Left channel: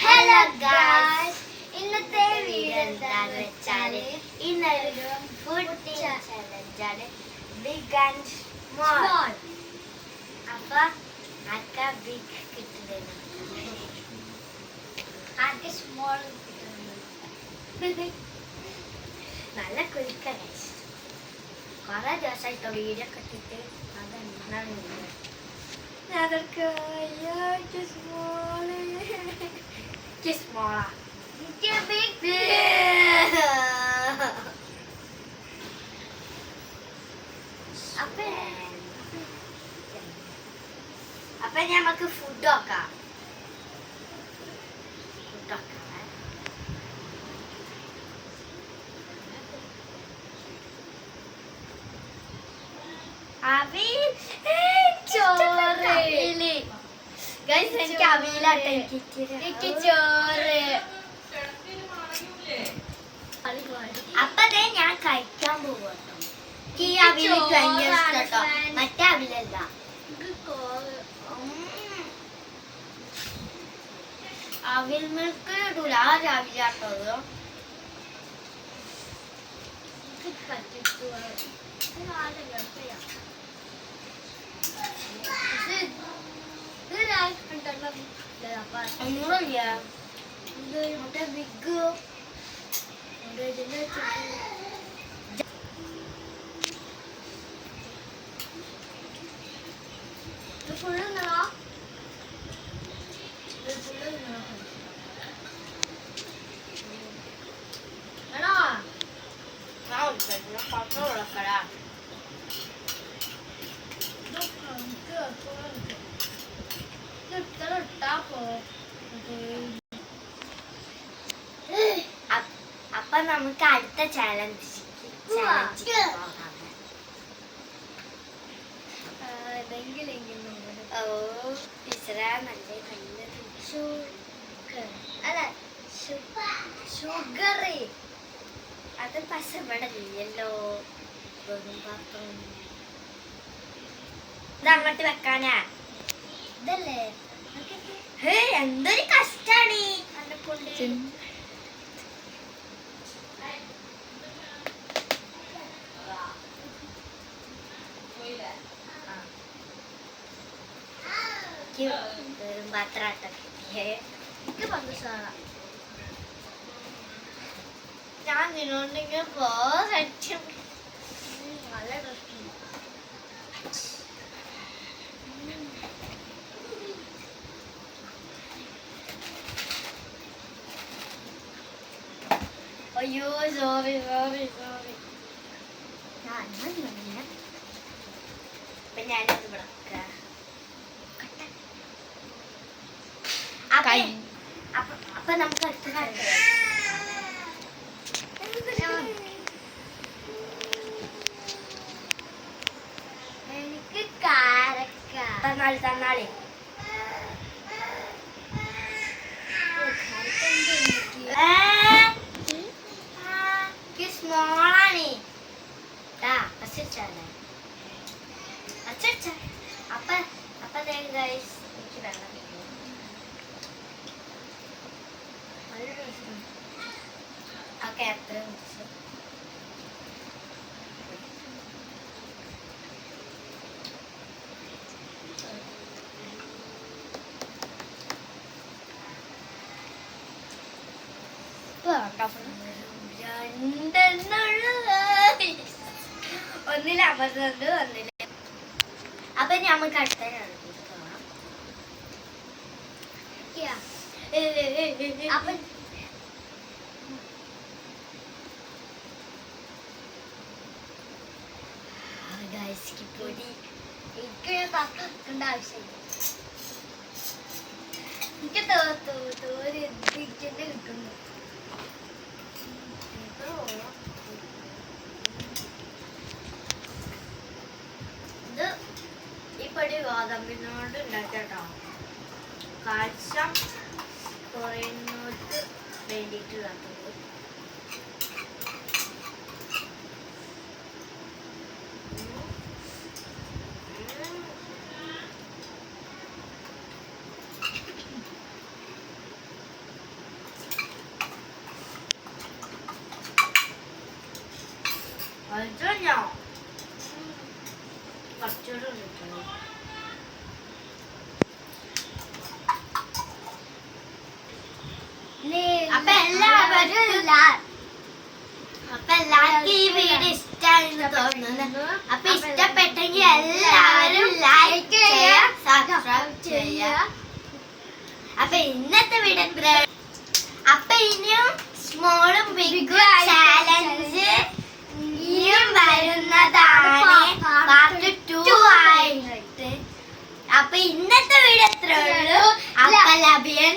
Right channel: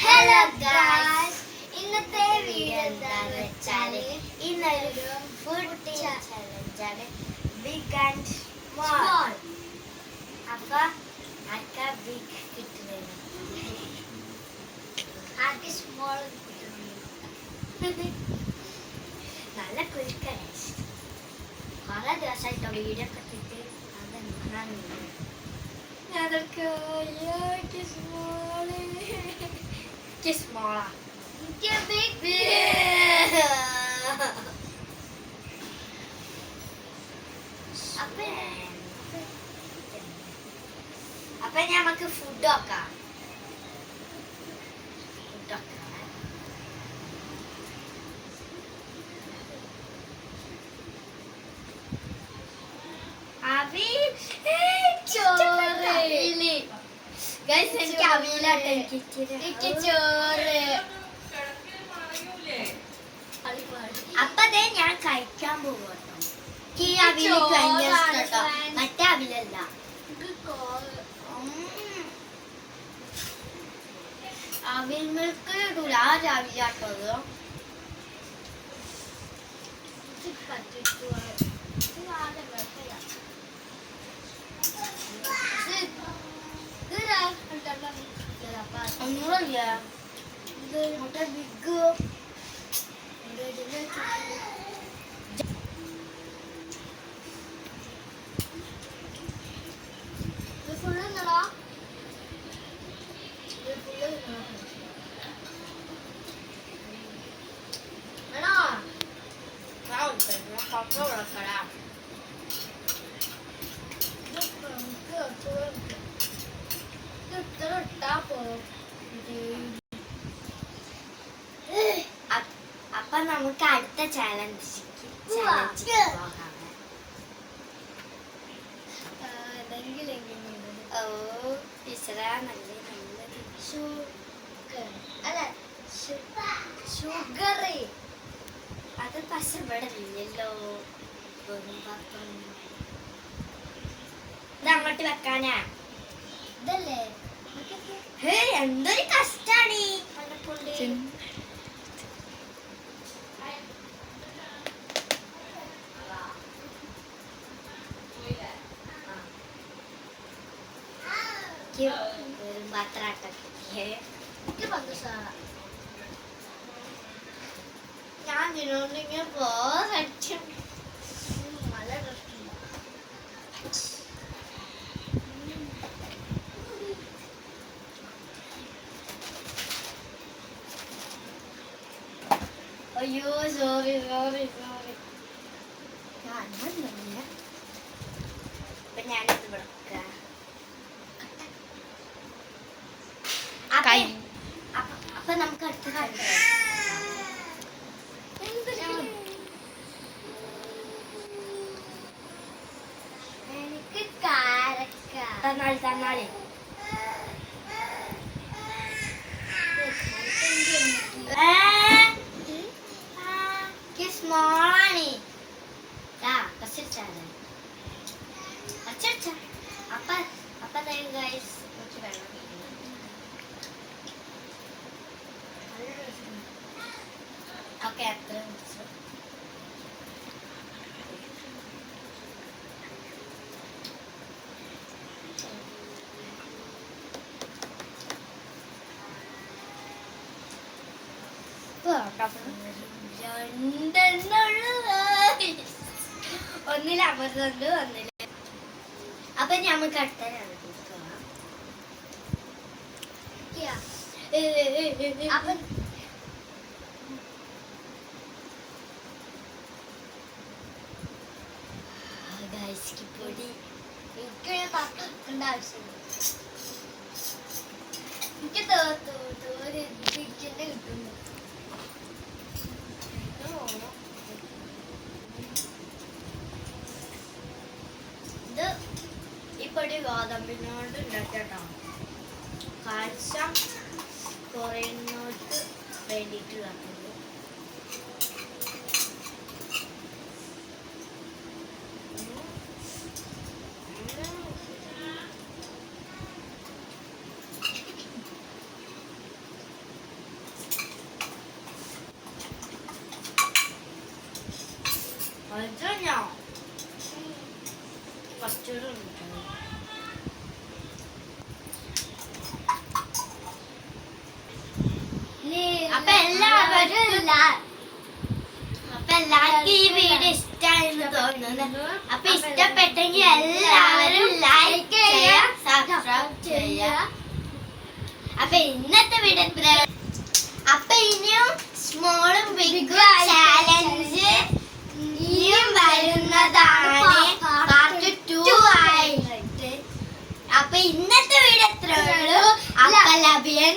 Hello guys, ഇന്നത്തെ video എന്താന്ന് വെച്ചാല് ഇന്നൊരു ഫുഡ് ചലഞ്ചാണ്, ബിഗ് ആൻഡ് സ്മോൾ. അപ്പൊ ആർക്കാ ബിഗ് കിട്ടുന്നത്, ആർക്ക് സ്മോൾ കിട്ടുന്നത്? നല്ല കുഴിക്കാണ്. കുറെ ദിവസമായിട്ടോ വീഡിയോ കെട്ടിട്ട് അതെന്താണ് ഞങ്ങൾക്ക് സ്മോളാ അപ്പൊ ഞമ്മക്ക് ഫുഡ് നോക്കാം. എനിക്ക് അവിയിലാട്ടെ ചോറ്. അപ്പതേ ഞാൻ കഴിക്കാൻ പോവാട്ടോ. ഈ അവില് ഭയങ്കര ഇഷ്ടട്ടോ, മറ്റേ അവിലല്ല. അവിൽ മിൽക്ക് ഇടൂല, ആ അവിലാട്ടത്. ഒന്നുമില്ല, മറ്റേ ബിഗ് ഫുള്ള് നിങ്ങളോ? വേണോ? അപ്പൊ നമുക്ക് അടുത്ത ചാലഞ്ച് ഷുഗർ. അത് പക്ഷെ ഇവിടെ ഇല്ലല്ലോ. ഇതങ്ങോട്ട് വെക്കാനാ? ഇതല്ലേ എന്തൊരു കഷ്ടാണ്. ഞാൻ ഇതിനോണ്ടിങ്ങനെ പോറ്റും. നല്ല ഡ്രസ്. അയ്യോ സോറി. ഞാനിത് വിളക്കാം. അപ്പൊ നമുക്ക് അടുത്ത എനിക്ക് കാരക്ക തന്നാളി. സ്മോളാണ് അപ്പൊ ഗൈസ് എനിക്ക് വെള്ളം ഓക്കെ. അത്ര ഒന്നിലമർന്നുണ്ട്, ഒന്നില്ല. അപ്പൊ നമുക്ക് അടുത്ത അപ്പൊ പൊടി എനിക്ക് തക്കേണ്ട ആവശ്യമില്ല. എനിക്ക് കിട്ടുന്നു. ഇത് ഈ പൊടി ഗോതമ്പിനോട് ഉണ്ടാക്കട്ടോ. കാൽസ്യം കുറയുന്നവർക്ക് വേണ്ടിയിട്ടുള്ളത്. അപ്പൊ എല്ലാവർക്കും ഈ വീഡിയോ ഇഷ്ടമാണെന്ന് തോന്നുന്നു. അപ്പൊ ഇഷ്ടപ്പെട്ടെങ്കിൽ എല്ലാവരും ലൈക്ക് ചെയ്യുക, സബ്സ്ക്രൈബ് ചെയ്യുക. അപ്പൊ ഇന്നത്തെ വീഡിയോ അപ്പൊ ഇനിയും സ്മോളും ബിഗും ചാലഞ്ച് ഇനിയും വരുന്നതാണ്, പാർട്ട് 2 ആയിട്ട്. അപ്പൊ ഇന്നത്തെ വീഡിയോ എത്രയുള്ളൂ. അപ്പൊ ലഭിയൻ